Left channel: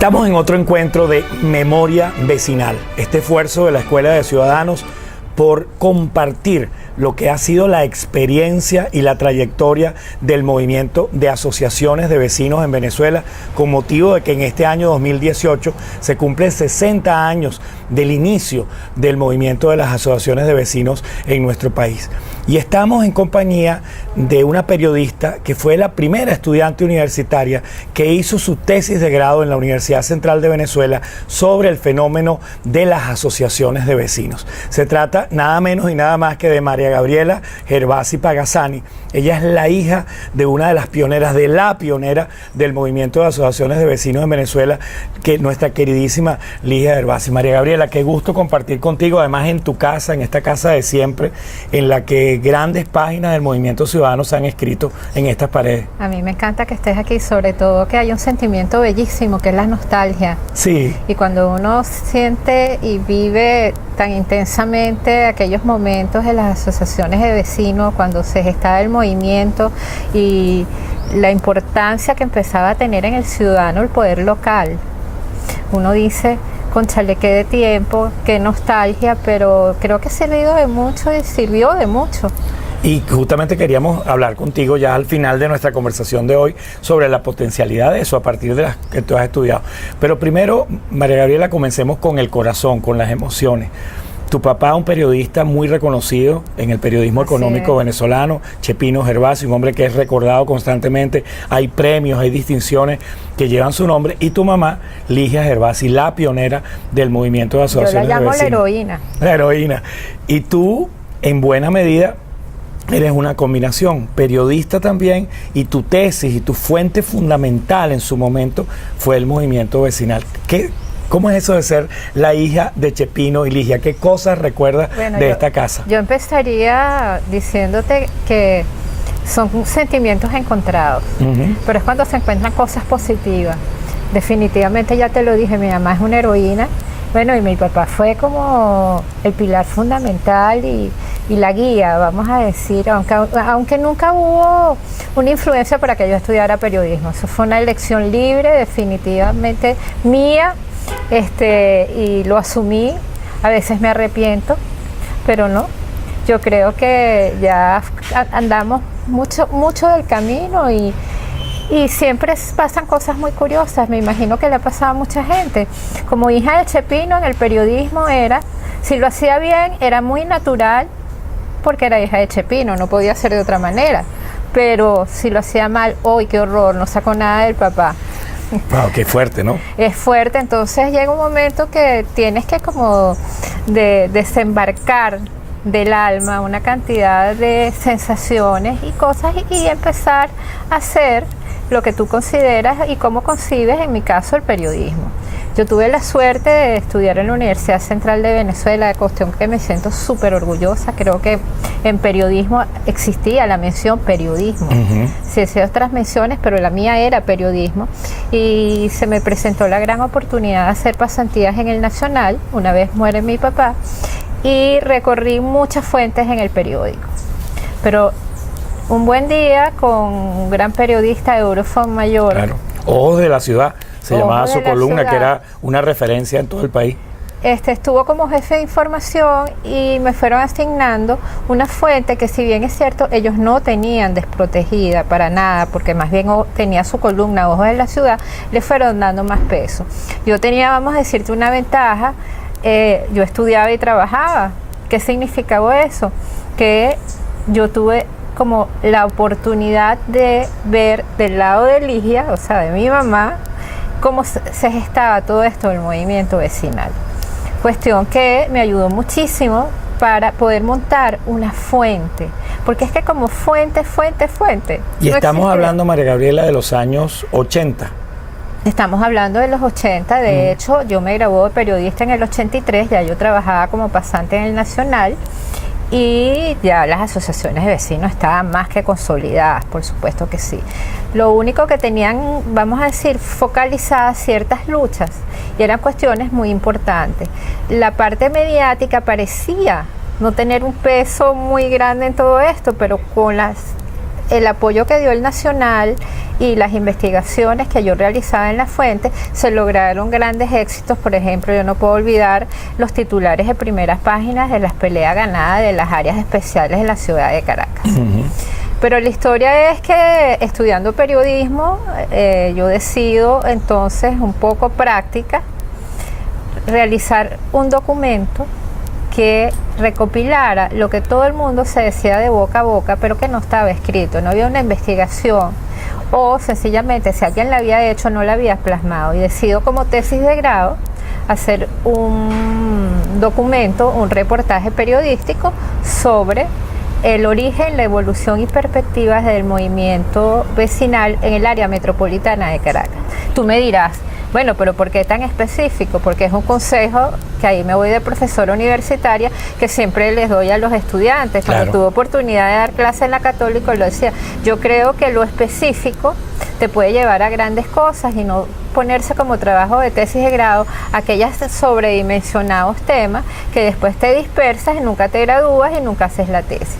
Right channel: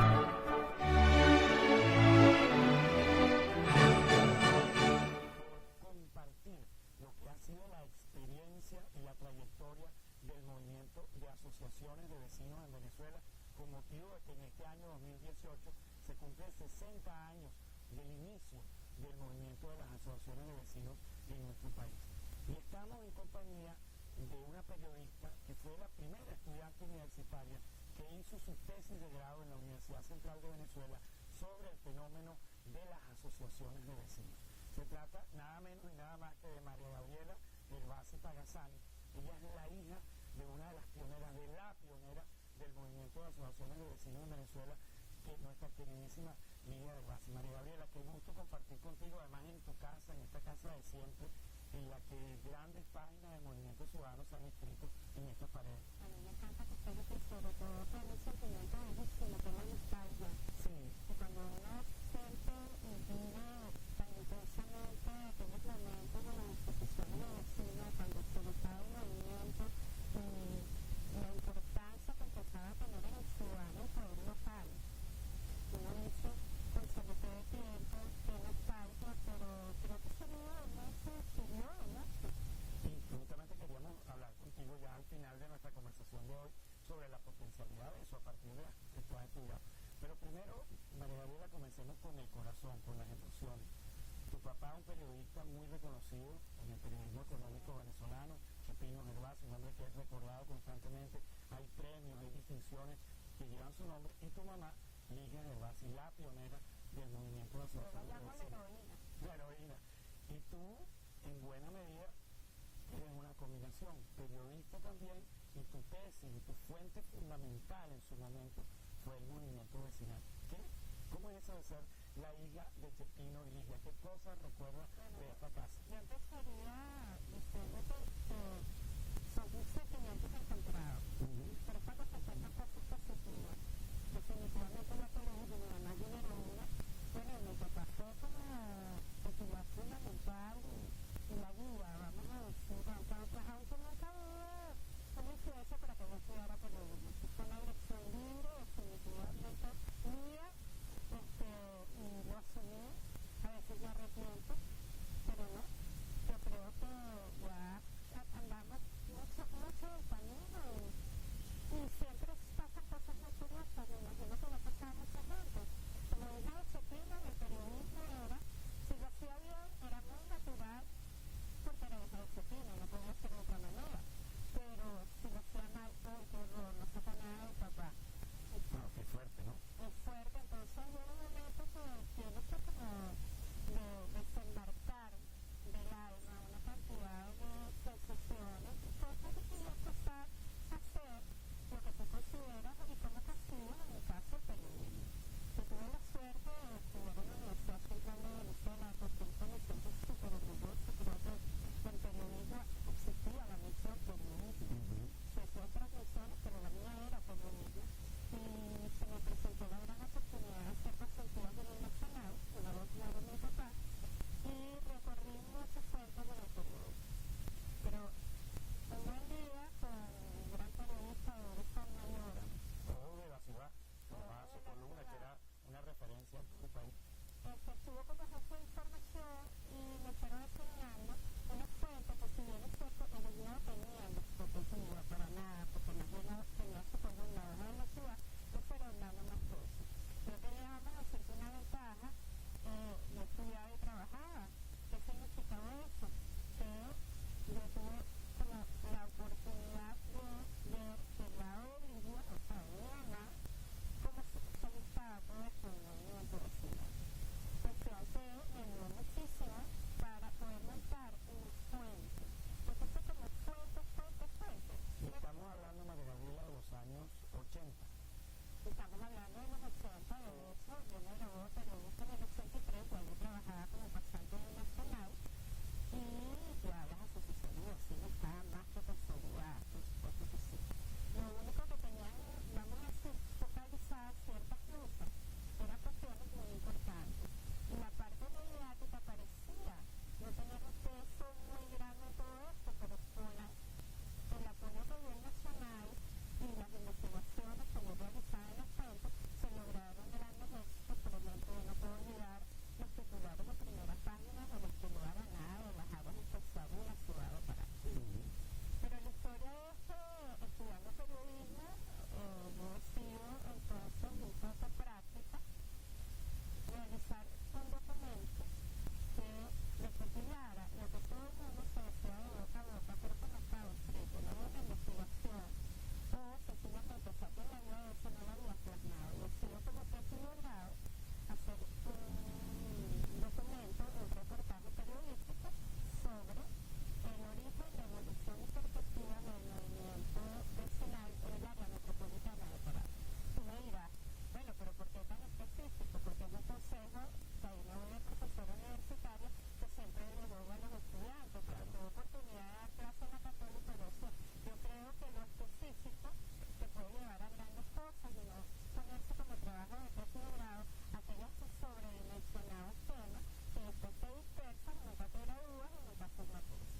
Estamos en otro encuentro de Memoria Vecinal, este esfuerzo de la Escuela de Ciudadanos por compartir lo que ha sido la experiencia y la trayectoria del movimiento de asociaciones de vecinos en Venezuela, con motivo de que en este año 2018 se cumplen 60 años del inicio del movimiento de las asociaciones de vecinos en nuestro país. Y estamos en compañía de una periodista que fue la primera estudiante universitaria que hizo su tesis de grado en la Universidad Central de Venezuela sobre el fenómeno de las asociaciones de vecinos. Se trata nada menos y nada más que de María Gabriela Gervasi Pagazzani. Ella es la hija de una de las pioneras, de la pionera del movimiento de asociaciones de vecinos en Venezuela, que nuestra queridísima Ligia Gervasi. María Gabriela, qué gusto compartir contigo, además en tu casa, en esta casa de siempre, en la que grandes páginas del movimiento ciudadano se han escrito en estas paredes. A mí me encanta que estés aquí, sobre todo que hay un sentimiento bellísimo, que es la nostalgia. Sí. Y cuando uno siente y vive tan intensamente aquellos momentos de las asociaciones de vecinos, cuando se gestaba el movimiento y la importancia que empezaba a tener en el ciudadano el poder local, uno dice, cónchale, qué de tiempo, qué nostalgia, pero creo que ha servido de mucho y sirvió de mucho. Y justamente queríamos hablar contigo ya al final de nuestra conversación de hoy sobre la potencialidad de eso a partir de las que tú has estudiado. Pero primero, María Gabriela, comencemos con el corazón, con las emociones. Tu papá, un periodista muy reconocido en el periodismo económico venezolano, Chepino Gervasi, un hombre que es recordado constantemente, hay premios, hay distinciones que llevan su nombre, y tu mamá, Ligia Gervasi, la pionera del movimiento de asociaciones de vecinos. Yo la llamo la heroína. La heroína. Y tú, en buena medida, eres una combinación, periodista también, y tu tesis y tu fuente fundamental en su momento fue el movimiento vecinal. ¿Cómo es eso de ser la hija de Chepino y Ligia? ¿Qué cosas recuerdas de esta casa? Yo empezaría diciéndote que son sentimientos encontrados, pero es cuando se encuentran cosas positivas. Definitivamente, ya te lo dije, mi mamá es una heroína. Bueno, y mi papá fue como el pilar fundamental y la guía, vamos a decir, aunque nunca hubo una influencia para que yo estudiara periodismo. Eso fue una elección libre, definitivamente mía, y lo asumí. A veces me arrepiento, pero no. Yo creo que ya andamos mucho del camino y siempre pasan cosas muy curiosas. Me imagino que le ha pasado a mucha gente. Como hija de Chepino, en el periodismo si lo hacía bien, era muy natural, porque era hija de Chepino, no podía ser de otra manera. Pero si lo hacía mal, ¡ay, qué horror! No sacó nada del papá. Wow, qué fuerte, ¿no? Es fuerte, entonces llega un momento que tienes que como desembarcar del alma una cantidad de sensaciones y cosas y empezar a hacer lo que tú consideras y cómo concibes, en mi caso, el periodismo. Yo tuve la suerte de estudiar en la Universidad Central de Venezuela, de cuestión que me siento súper orgullosa. Creo que en periodismo existía la mención periodismo. Sí, hacía otras menciones, pero la mía era periodismo. Y se me presentó la gran oportunidad de hacer pasantías en el Nacional, una vez muere mi papá, y recorrí muchas fuentes en el periódico. Pero un buen día con un gran periodista, Eurofón Mayor. Claro, Ojos de la Ciudad. Se llamaba su columna, que era una referencia en todo el país. Estuvo como jefe de información y me fueron asignando una fuente que, si bien es cierto, ellos no tenían desprotegida para nada, porque más bien tenía su columna Ojos de la Ciudad, le fueron dando más peso. Yo tenía, vamos a decirte, una ventaja. Yo estudiaba y trabajaba. ¿Qué significaba eso? Que yo tuve como la oportunidad de ver del lado de Ligia, o sea, de mi mamá, cómo se gestaba todo esto del movimiento vecinal. Cuestión que me ayudó muchísimo para poder montar una fuente, porque es que como fuente. Y no estamos hablando, María Gabriela, de los años 80. Estamos hablando de los 80, de hecho, yo me gradué de periodista en el 83, ya yo trabajaba como pasante en el Nacional, y ya las asociaciones de vecinos estaban más que consolidadas, por supuesto que sí. Lo único que tenían, vamos a decir, focalizadas ciertas luchas, y eran cuestiones muy importantes. La parte mediática parecía no tener un peso muy grande en todo esto, pero con el apoyo que dio el Nacional y las investigaciones que yo realizaba en la fuente, se lograron grandes éxitos. Por ejemplo, yo no puedo olvidar los titulares de primeras páginas de las peleas ganadas de las áreas especiales de la ciudad de Caracas. Pero la historia es que estudiando periodismo, yo decido entonces, un poco práctica, realizar un documento que recopilara lo que todo el mundo se decía de boca a boca, pero que no estaba escrito, no había una investigación, o sencillamente si alguien la había hecho no la había plasmado. Y decido como tesis de grado hacer un documento, un reportaje periodístico sobre el origen, la evolución y perspectivas del movimiento vecinal en el área metropolitana de Caracas. Tú me dirás, bueno, pero ¿por qué tan específico? Porque es un consejo que ahí me voy de profesora universitaria que siempre les doy a los estudiantes. Cuando tuve oportunidad de dar clase en la Católica, lo decía, yo creo que lo específico te puede llevar a grandes cosas y no ponerse como trabajo de tesis de grado aquellos sobredimensionados temas que después te dispersas y nunca te gradúas y nunca haces la tesis.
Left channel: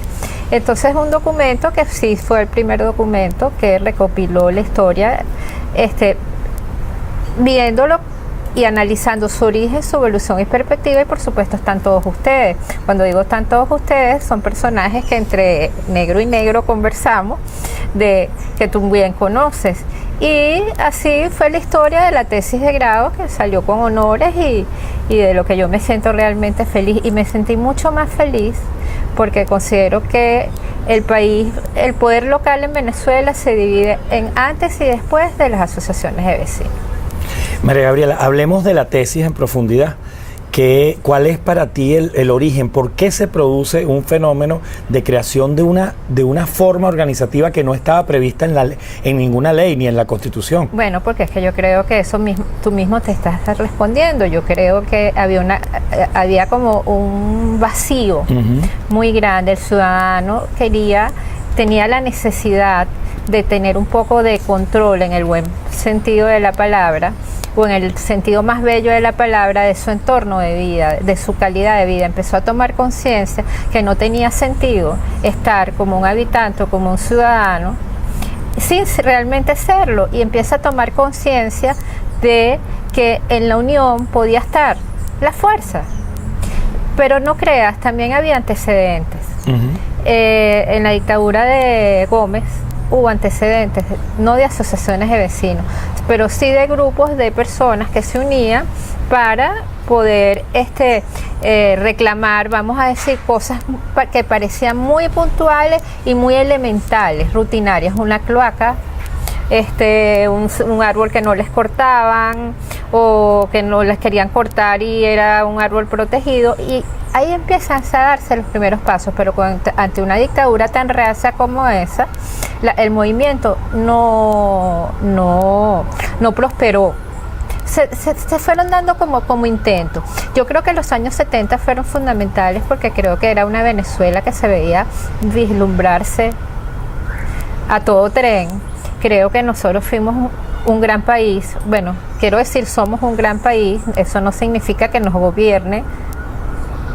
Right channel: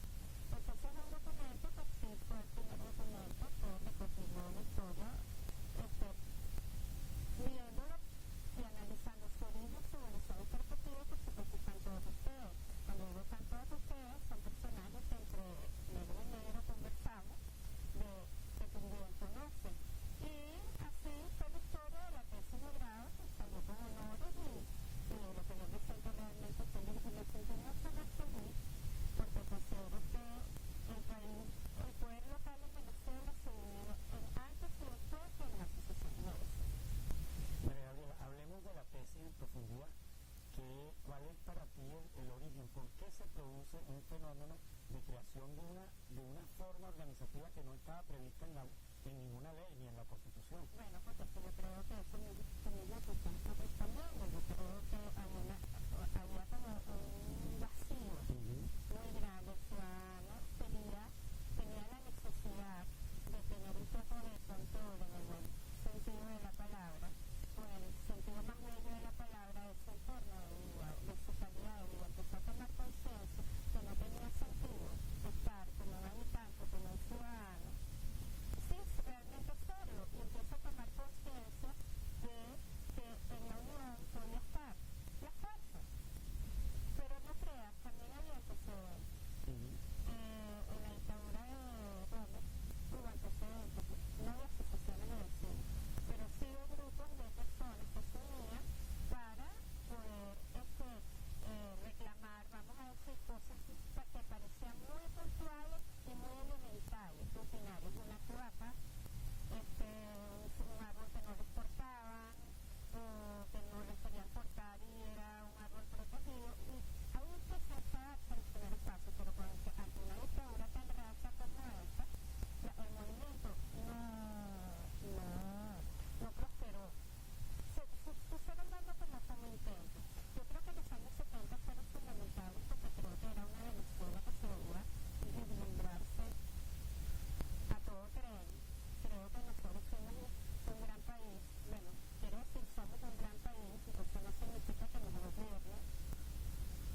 Entonces, un documento que sí fue el primer documento que recopiló la historia, viéndolo y analizando su origen, su evolución y perspectiva, y por supuesto están todos ustedes. Cuando digo están todos ustedes, son personajes que entre negro y negro conversamos, que tú bien conoces. Y así fue la historia de la tesis de grado, que salió con honores y de lo que yo me siento realmente feliz. Y me sentí mucho más feliz porque considero que el país, el poder local en Venezuela se divide en antes y después de las asociaciones de vecinos. María Gabriela, hablemos de la tesis en profundidad. ¿Cuál es para ti el origen? ¿Por qué se produce un fenómeno de creación de una forma organizativa que no estaba prevista en ninguna ley ni en la Constitución? Bueno, porque es que yo creo que eso mismo, tú mismo te estás respondiendo. Yo creo que había como un vacío muy grande. El ciudadano tenía la necesidad de tener un poco de control, en el buen sentido de la palabra, o en el sentido más bello de la palabra, de su entorno de vida, de su calidad de vida. Empezó a tomar conciencia que no tenía sentido estar como un habitante o como un ciudadano sin realmente serlo, y empieza a tomar conciencia de que en la unión podía estar la fuerza. Pero no creas, también había antecedentes. En la dictadura de Gómez hubo antecedentes, no de asociaciones de vecinos, pero sí de grupos de personas que se unían para poder reclamar, vamos a decir, cosas que parecían muy puntuales y muy elementales, rutinarias. Una cloaca, un árbol que no les cortaban o que no les querían cortar y era un árbol protegido, y ahí empiezan a darse los primeros pasos. Pero ante una dictadura tan reacia como esa, el movimiento no prosperó. Se fueron dando como intentos. Yo creo que los años 70 fueron fundamentales porque creo que era una Venezuela que se veía vislumbrarse a todo tren. Creo que nosotros fuimos un gran país. Bueno, quiero decir, somos un gran país. Eso no significa que nos gobierne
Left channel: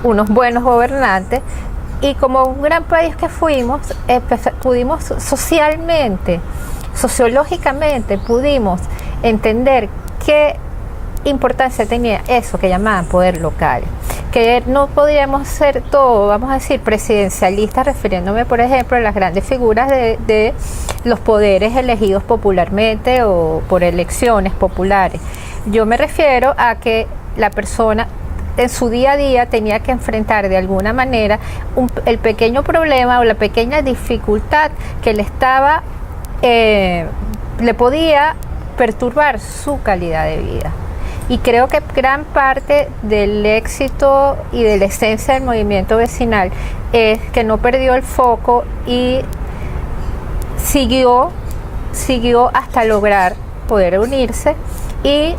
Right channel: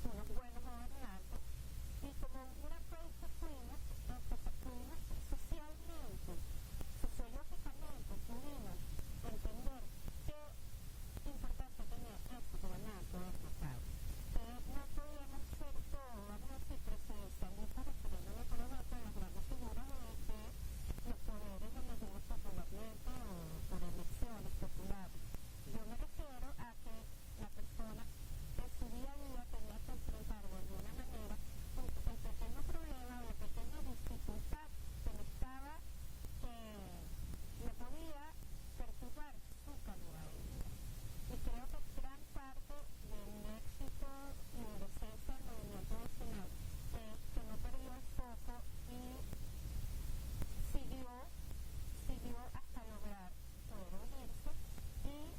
unos buenos gobernantes. Y como un gran país que fuimos, pudimos sociológicamente, pudimos entender qué importancia tenía eso que llamaban poder local. Que no podíamos ser todo, vamos a decir, presidencialistas, refiriéndome, por ejemplo, a las grandes figuras de los poderes elegidos popularmente o por elecciones populares. Yo me refiero a que la persona en su día a día tenía que enfrentar de alguna manera el pequeño problema o la pequeña dificultad que le podía perturbar su calidad de vida. Y creo que gran parte del éxito y de la esencia del movimiento vecinal es que no perdió el foco y siguió hasta lograr poder unirse y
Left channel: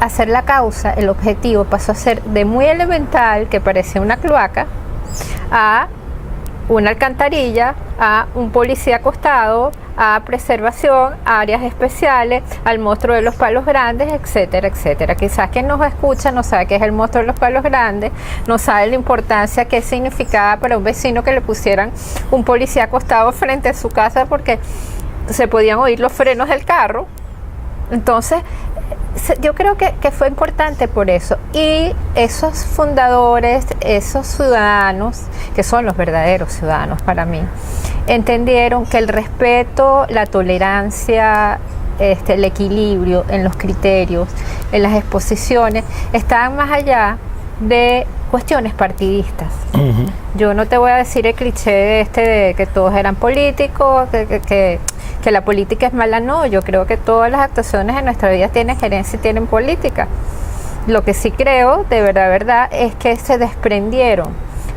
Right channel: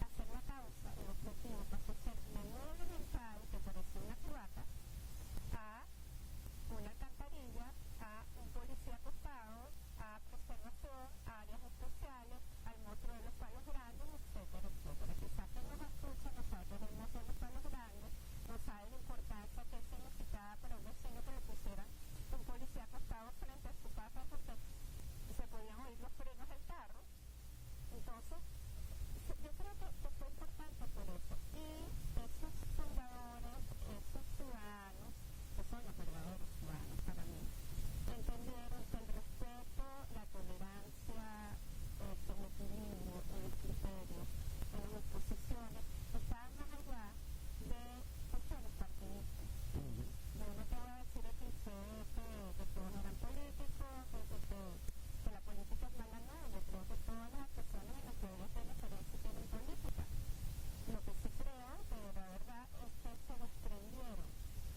hacer la causa. El objetivo pasó a ser de muy elemental, que parecía una cloaca, a una alcantarilla, a un policía acostado, a preservación, a áreas especiales, al monstruo de los palos grandes, etcétera, etcétera. Quizás quien nos escucha no sabe qué es el monstruo de los palos grandes, no sabe la importancia que significaba para un vecino que le pusieran un policía acostado frente a su casa, porque se podían oír los frenos del carro. Entonces, yo creo que fue importante por eso. Y esos fundadores, esos ciudadanos, que son los verdaderos ciudadanos para mí, entendieron que el respeto, la tolerancia, el equilibrio en los criterios, en las exposiciones, estaban más allá de cuestiones partidistas. Uh-huh. Yo no te voy a decir el cliché de que todos eran políticos, que la política es mala, no. Yo creo que todas las actuaciones en nuestra vida tienen gerencia y tienen política. Lo que sí creo, de verdad, es que se desprendieron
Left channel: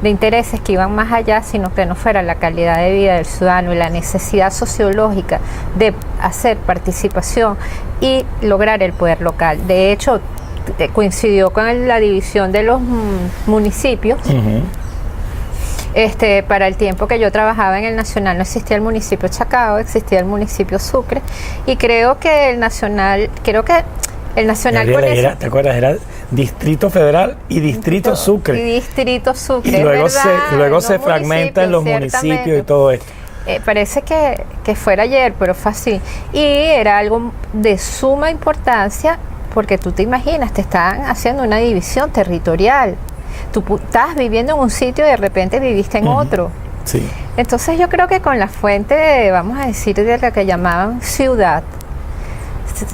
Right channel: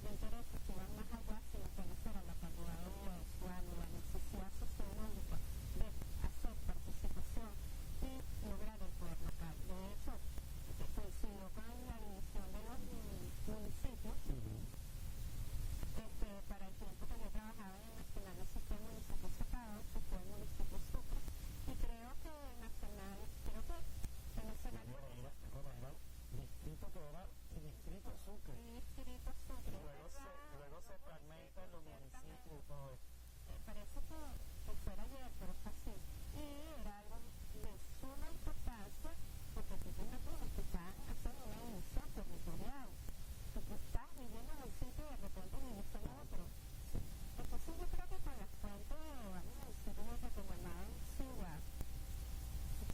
de intereses que iban más allá, sino que no fuera la calidad de vida del ciudadano y la necesidad sociológica de hacer participación y lograr el poder local. De hecho, coincidió con la división de los municipios. Uh-huh. Para el tiempo que yo trabajaba en el Nacional no existía el municipio Chacao, existía el municipio Sucre, y creo que el Nacional Gabriela, ¿te acuerdas? Era Distrito Federal y Distrito Sucre. Y Distrito Sucre. Y luego se fragmenta en los municipios y todo esto. Parece que fuera ayer, pero fue así. Y era algo de suma importancia, porque tú te imaginas, te estaban haciendo una división territorial. Tú estás viviendo en un sitio y de repente viviste en otro. Sí. Entonces yo creo que con la fuente, vamos a decir, de la que llamaban ciudad,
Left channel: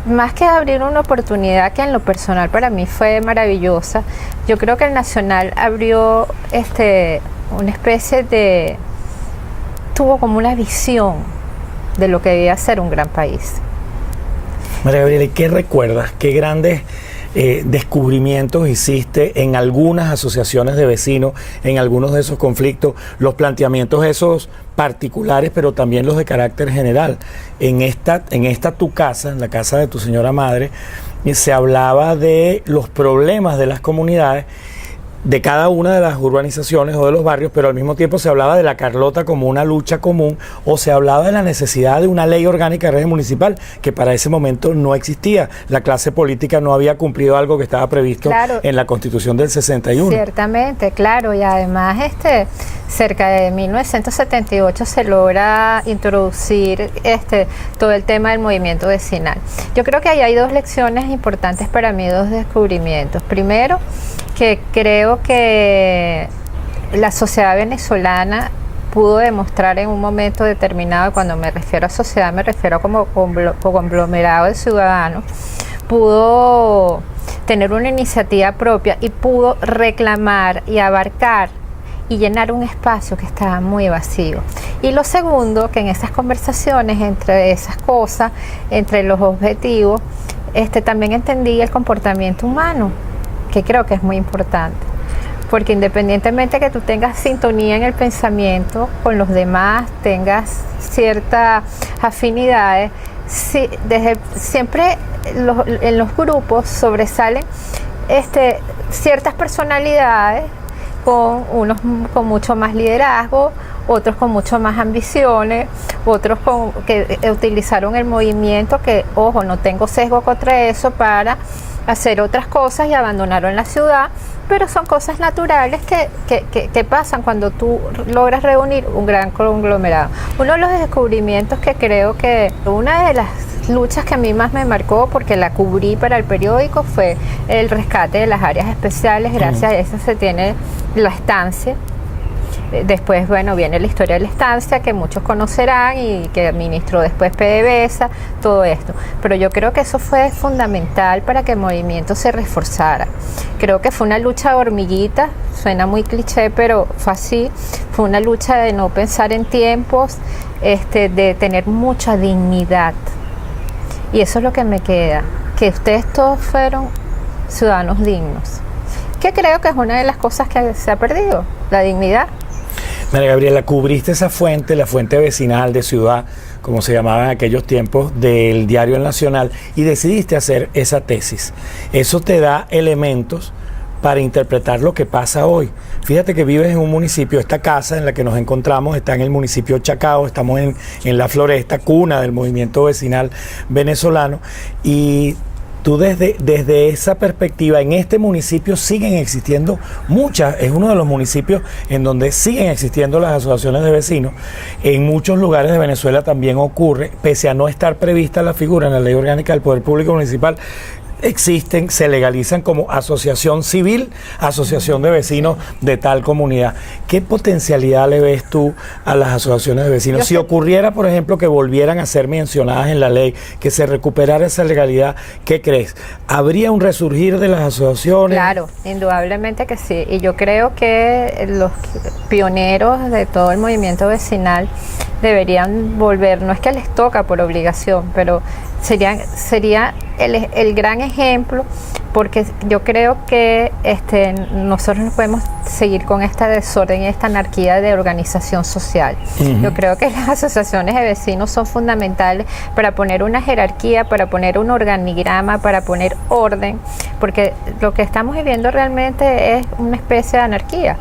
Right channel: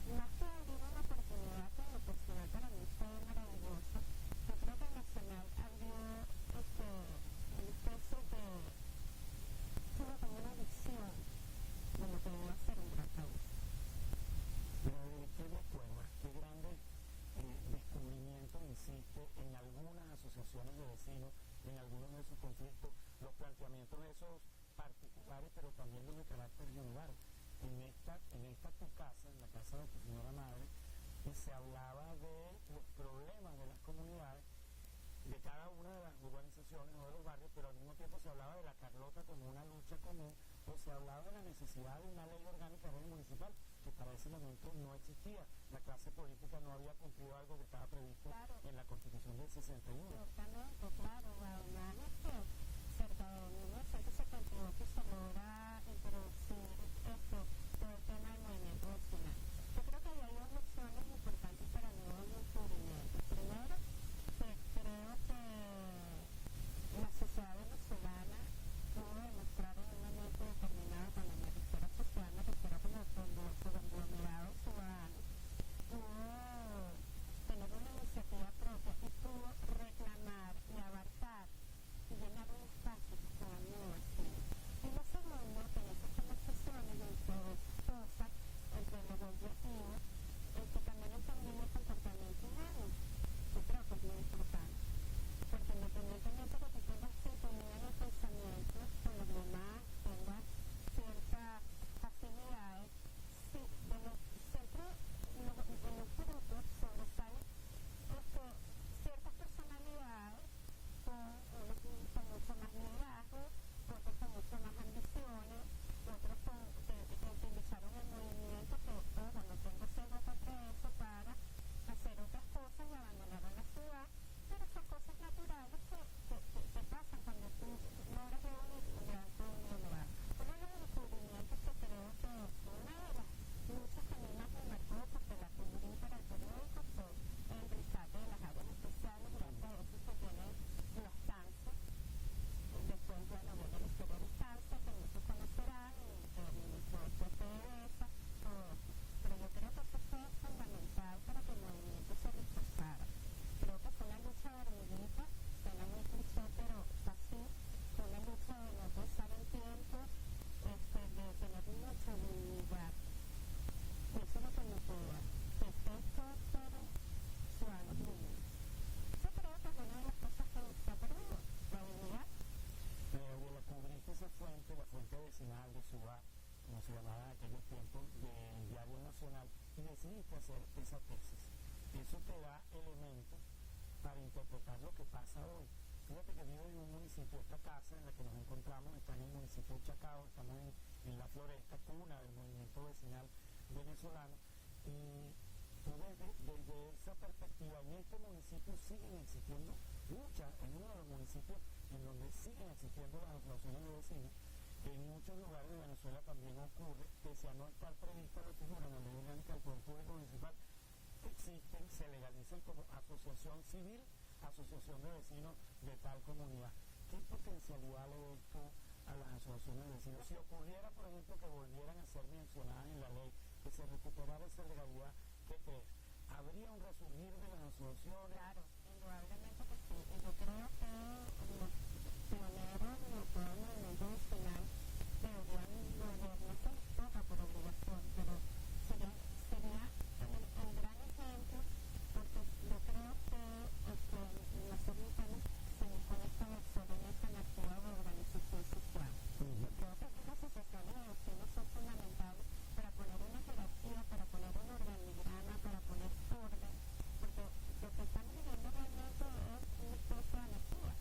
más que abrir una oportunidad que en lo personal para mí fue maravillosa, yo creo que el Nacional abrió una especie de... tuvo como una visión de lo que debía ser un gran país. María Gabriela, ¿qué recuerdas? ¿Qué grandes descubrimientos hiciste en algunas asociaciones de vecinos, en algunos de esos conflictos, los planteamientos esos particulares, pero también los de carácter general? En esta tu casa, en la casa de tu señora madre, se hablaba de los problemas de las comunidades, de cada una de las urbanizaciones o de los barrios, pero al mismo tiempo se hablaba de la Carlota como una lucha común, o se hablaba de la necesidad de una ley orgánica de régimen municipal, que para ese momento no existía. La clase política no había cumplido algo que estaba previsto en la Constitución del 61. Ciertamente, claro, y además cerca de 1978 se logra introducir todo el tema del movimiento vecinal. Yo creo que ahí hay dos lecciones importantes para mí, dos descubrimientos. Primero, que creo que la sociedad venezolana pudo demostrar en un momento determinado, cuando me refiero a sociedad me refiero como conglomerado de ciudadanos, pudo tener una iniciativa propia y pudo reclamar y abarcar y llenar un espacio que estaba muy vacío. Y lo segundo, que en esas conversaciones, entre esas cosas, entre los objetivos, también entendí el comportamiento humano, que creo que es muy importante, porque independientemente que tú tengas sintonía en el pensamiento con los demás, tengas ciertas afinidades, siempre en los grupos sobresalen ciertas personalidades, con unos con mucho más liderazgo, otros con mucho más ambiciones, otros que utilizaron el movimiento, que, ojo, no tengo sesgo contra eso, para hacer otras cosas y abandonaron la ciudad, pero son cosas naturales que pasan cuando tú logras reunir un gran conglomerado. Uno de los descubrimientos que creo que una de las luchas que a mí más me marcó, porque la cubrí para el periódico, fue el rescate de las áreas especiales. Gracias a eso se tiene la estancia. Después, bueno, viene la historia de la estancia, que muchos conocerán y que administró después PDVSA, todo esto. Pero yo creo que eso fue fundamental para que el movimiento se reforzara. Creo que fue una lucha de hormiguita, suena muy cliché, pero fue así. Fue una lucha de no pensar en tiempos, de tener mucha dignidad. Y eso es lo que me queda, que ustedes todos fueron ciudadanos dignos, que creo que es una de las cosas que se ha perdido, la dignidad. María Gabriela, cubriste esa fuente, la fuente vecinal de ciudad, como se llamaba en aquellos tiempos, del diario El Nacional, y decidiste hacer esa tesis. Eso te da elementos para interpretar lo que pasa hoy. Fíjate que vives en un municipio, esta casa en la que nos encontramos está en el municipio Chacao, estamos en La Floresta, cuna del movimiento vecinal venezolano, y Tú desde esa perspectiva, en este municipio siguen existiendo muchas, es uno de los municipios en donde siguen existiendo las asociaciones de vecinos. En muchos lugares de Venezuela también ocurre, pese a no estar prevista la figura en la Ley Orgánica del Poder Público Municipal, existen, se legalizan como asociación civil, asociación de vecinos de tal comunidad. ¿Qué potencialidad le ves tú a las asociaciones de vecinos? Si ocurriera, por ejemplo, que volvieran a ser mencionadas en la ley, que se recuperara esa legalidad, ¿qué crees? ¿Habría un resurgir de las asociaciones? Claro, indudablemente que sí. Y yo creo que los pioneros de todo el movimiento vecinal deberían volver, no es que les toca por obligación, pero sería el gran ejemplo, porque yo creo que nosotros no podemos seguir con esta desorden y esta anarquía de organización social. Yo creo que las asociaciones de vecinos son fundamentales para poner una jerarquía, para poner un organigrama, para poner orden, porque lo que estamos viviendo realmente es una especie de anarquía.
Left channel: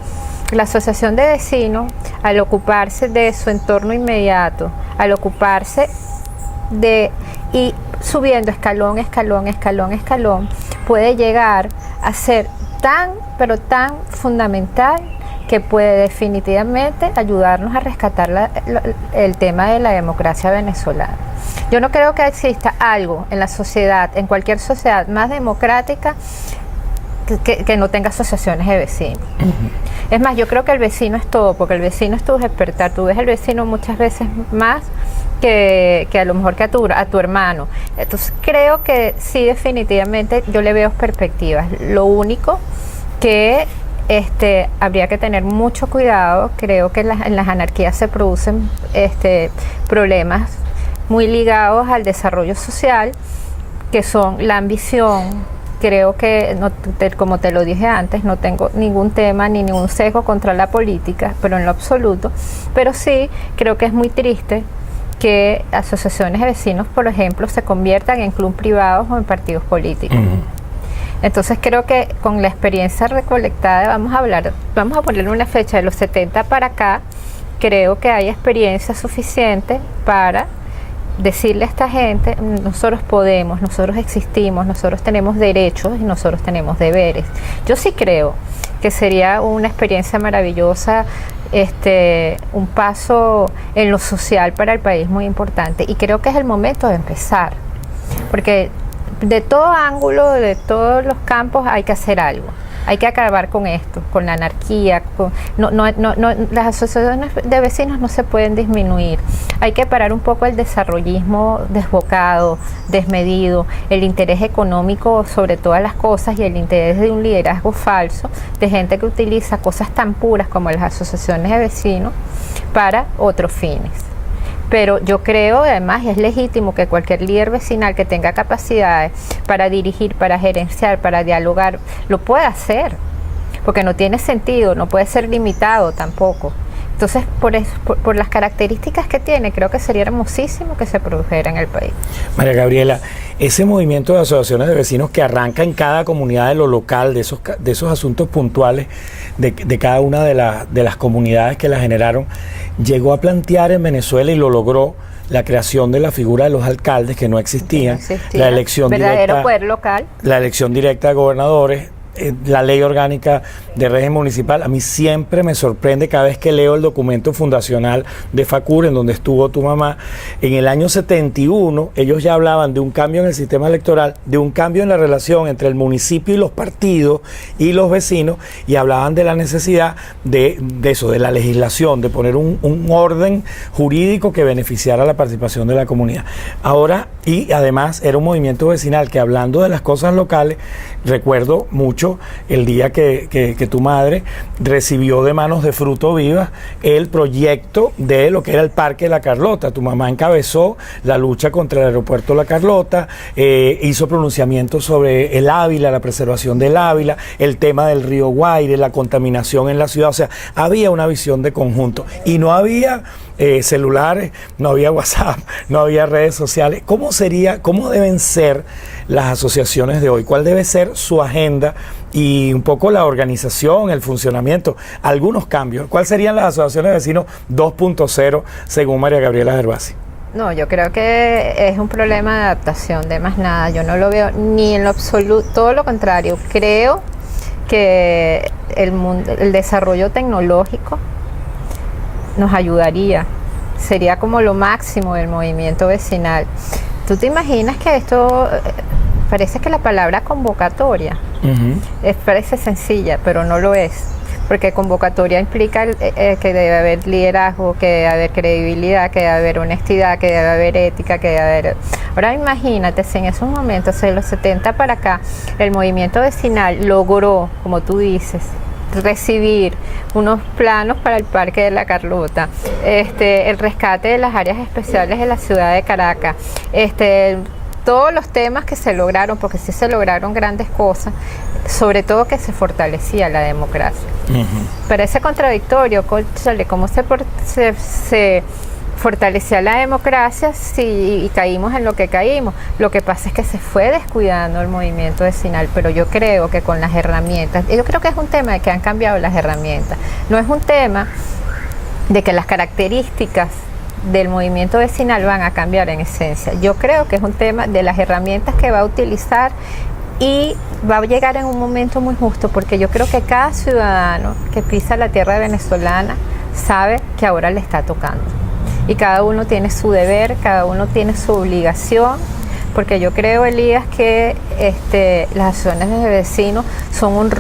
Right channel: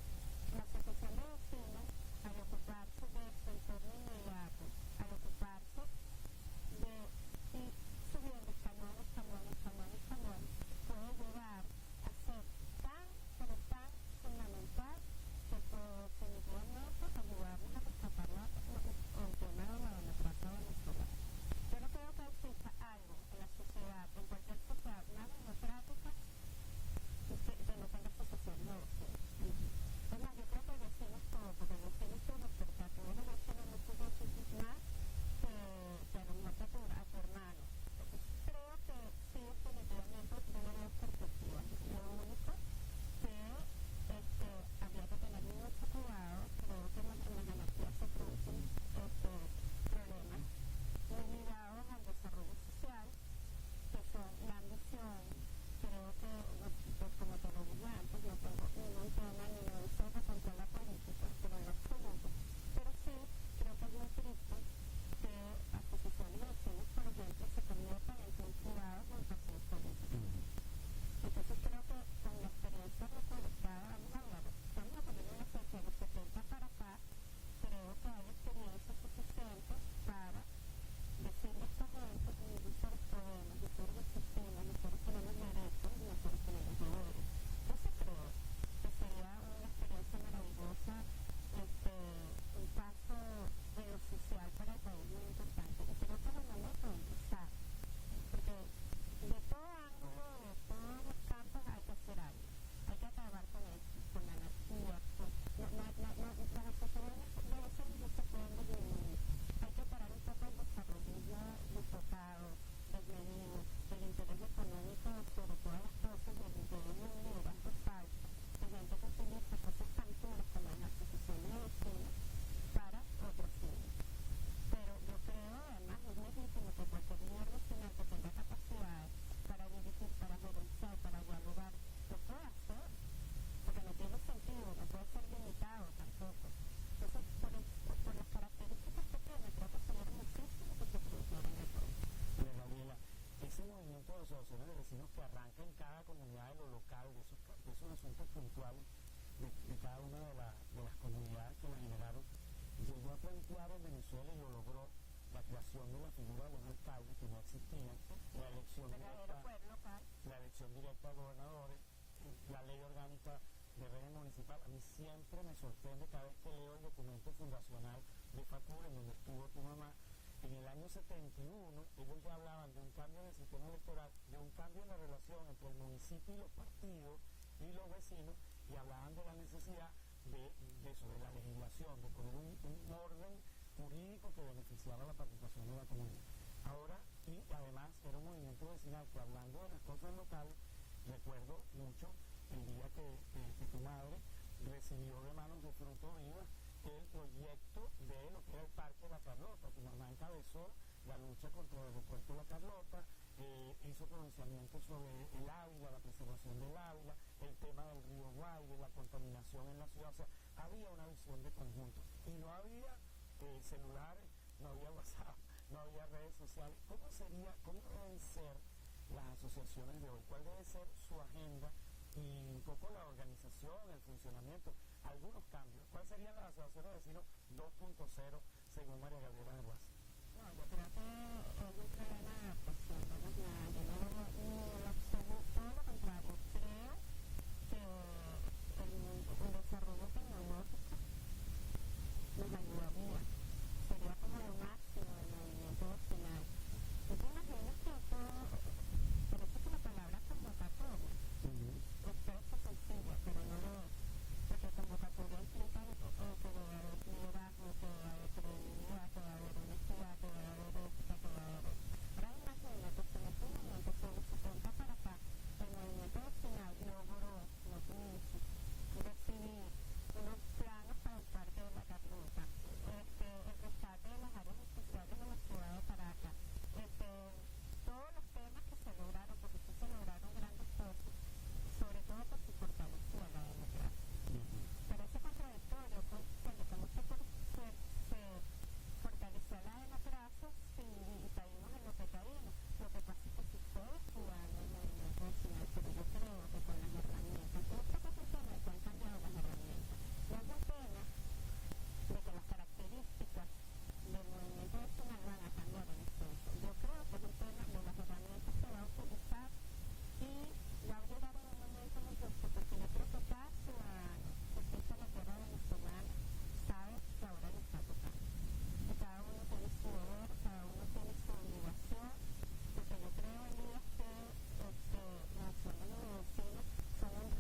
La asociación de vecinos, al ocuparse de su entorno inmediato, al ocuparse y subiendo escalón, puede llegar a ser pero tan fundamental que puede definitivamente ayudarnos a rescatar el tema de la democracia venezolana. Yo no creo que exista algo en la sociedad, en cualquier sociedad más democrática, que no tenga asociaciones de vecinos. Es más, yo creo que el vecino es todo, porque el vecino es tu despertar. Tú ves al vecino muchas veces más que a lo mejor que a tu hermano. Entonces creo que sí, definitivamente yo le veo perspectivas. Lo único que habría que tener mucho cuidado. Creo que en las anarquías se producen problemas muy ligados al desarrollo social, que son la ambición. Creo que, como te lo dije antes, no tengo ningún tema ni ningún sesgo contra la política, pero en lo absoluto. Pero sí, creo que es muy triste que asociaciones de vecinos, por ejemplo, se conviertan en clubes privados o en partidos políticos. Entonces creo que con la experiencia recolectada, vamos a ponerle una fecha de los 70 para acá, creo que hay experiencia suficiente para decirle a esta gente: nosotros podemos, nosotros existimos, nosotros tenemos derechos y nosotros tenemos deberes. Yo sí creo que sería una experiencia maravillosa, un paso en lo social para el país muy importante, y creo que es el momento de empezar, porque de todo ángulo, de todos los campos hay que hacer algo. Hay que acabar con esto, con la anarquía. Las asociaciones de vecinos no se pueden disminuir. Hay que parar un poco el desarrollismo desbocado, desmedido, el interés económico sobre todas las cosas y el interés de un liderazgo falso de gente que utiliza cosas tan puras como las asociaciones de vecinos para otros fines. Pero yo creo, además, es legítimo que cualquier líder vecinal que tenga capacidades para dirigir, para gerenciar, para dialogar, lo pueda hacer, porque no tiene sentido, no puede ser limitado tampoco. Entonces, por las características que tiene, creo que sería hermosísimo que se produjera en el país. María Gabriela, ese movimiento de asociaciones de vecinos que arranca en cada comunidad de lo local, de esos asuntos puntuales de cada una de las comunidades que la generaron, llegó a plantear en Venezuela, y lo logró, la creación de la figura de los alcaldes, que no existían, la elección verdadero poder local, la elección directa de gobernadores, la ley orgánica de régimen municipal. A mí siempre me sorprende cada vez que leo el documento fundacional de FACUR, en donde estuvo tu mamá. En el año 71, ellos ya hablaban de un cambio en el sistema electoral, de un cambio en la relación entre el municipio y los partidos y los vecinos, y hablaban de la necesidad de eso, de la legislación, de poner un orden jurídico que beneficiara la participación de la comunidad. Ahora, y además era un movimiento vecinal que, hablando de las cosas locales, recuerdo mucho el día que tu madre recibió de manos de Fruto Viva el proyecto de lo que era el Parque La Carlota. Tu mamá encabezó la lucha contra el aeropuerto La Carlota, hizo pronunciamientos sobre el Ávila, la preservación del Ávila, el tema del río Guaire, la contaminación en la ciudad. O sea, había una visión de conjunto y no había celulares, no había WhatsApp, no había redes sociales. ¿Cómo deben ser las asociaciones de hoy? ¿Cuál debe ser su agenda y un poco la organización, el funcionamiento, algunos cambios? ¿Cuáles serían las asociaciones de vecinos 2.0 según María Gabriela Gervasi? No, yo creo que es un problema de adaptación, de más nada. Yo no lo veo ni en lo absoluto, todo lo contrario. Creo que el desarrollo tecnológico nos ayudaría. Sería como lo máximo del movimiento vecinal. ¿Tú te imaginas que esto, parece que la palabra convocatoria, parece sencilla, pero no lo es? Porque convocatoria implica que debe haber liderazgo, que debe haber credibilidad, que debe haber honestidad, que debe haber ética, que debe haber... Ahora imagínate si en esos momentos, de los 70 para acá, el movimiento vecinal logró, como tú dices, recibir unos planos para el Parque de la Carlota, el rescate de las áreas especiales de la ciudad de Caracas, todos los temas que se lograron, porque sí se lograron grandes cosas, sobre todo que se fortalecía la democracia. Parece contradictorio, cónchale, cómo se fortalecía la democracia y caímos en lo que caímos. Lo que pasa es que se fue descuidando el movimiento vecinal, pero yo creo que con las herramientas, yo creo que es un tema de que han cambiado las herramientas, no es un tema de que las características del movimiento vecinal van a cambiar en esencia. Yo creo que es un tema de las herramientas que va a utilizar y va a llegar en un momento muy justo, porque yo creo que cada ciudadano que pisa la tierra venezolana sabe que ahora le está tocando. Y cada uno tiene su deber, cada uno tiene su obligación, porque yo creo, Elías, que las asociaciones de vecinos son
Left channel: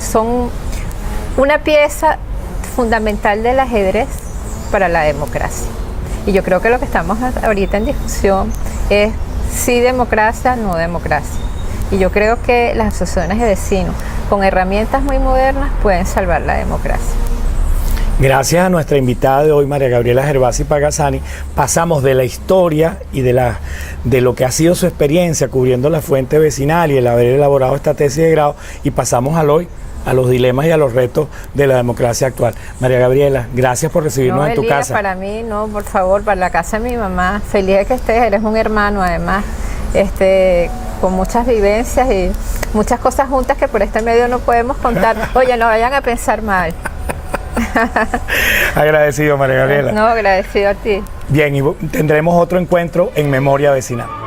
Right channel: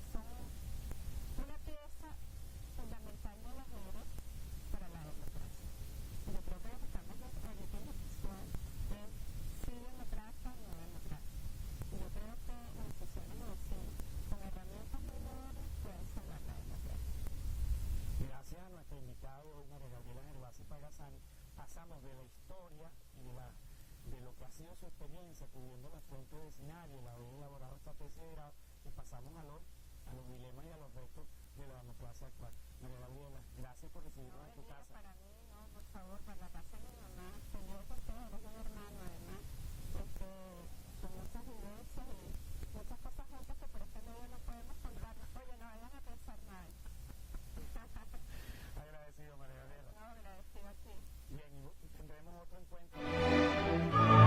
son una pieza fundamental del ajedrez para la democracia. Y yo creo que lo que estamos ahorita en discusión es sí democracia, no democracia. Y yo creo que las asociaciones de vecinos, con herramientas muy modernas, pueden salvar la democracia. Gracias a nuestra invitada de hoy, María Gabriela Gervasi Pagazzani, pasamos de la historia y de lo que ha sido su experiencia cubriendo la fuente vecinal y el haber elaborado esta tesis de grado, y pasamos al hoy, a los dilemas y a los retos de la democracia actual. María Gabriela, gracias por recibirnos en tu Elías, casa. Para mí, no, por favor, para la casa de mi mamá. Feliz de que estés, eres un hermano además, con muchas vivencias y muchas cosas juntas que por este medio no podemos contar. Oye, no vayan a pensar mal. Agradecido, María Gabriela. No, agradecido a ti. Bien, y tendremos otro encuentro en Memoria Vecinal.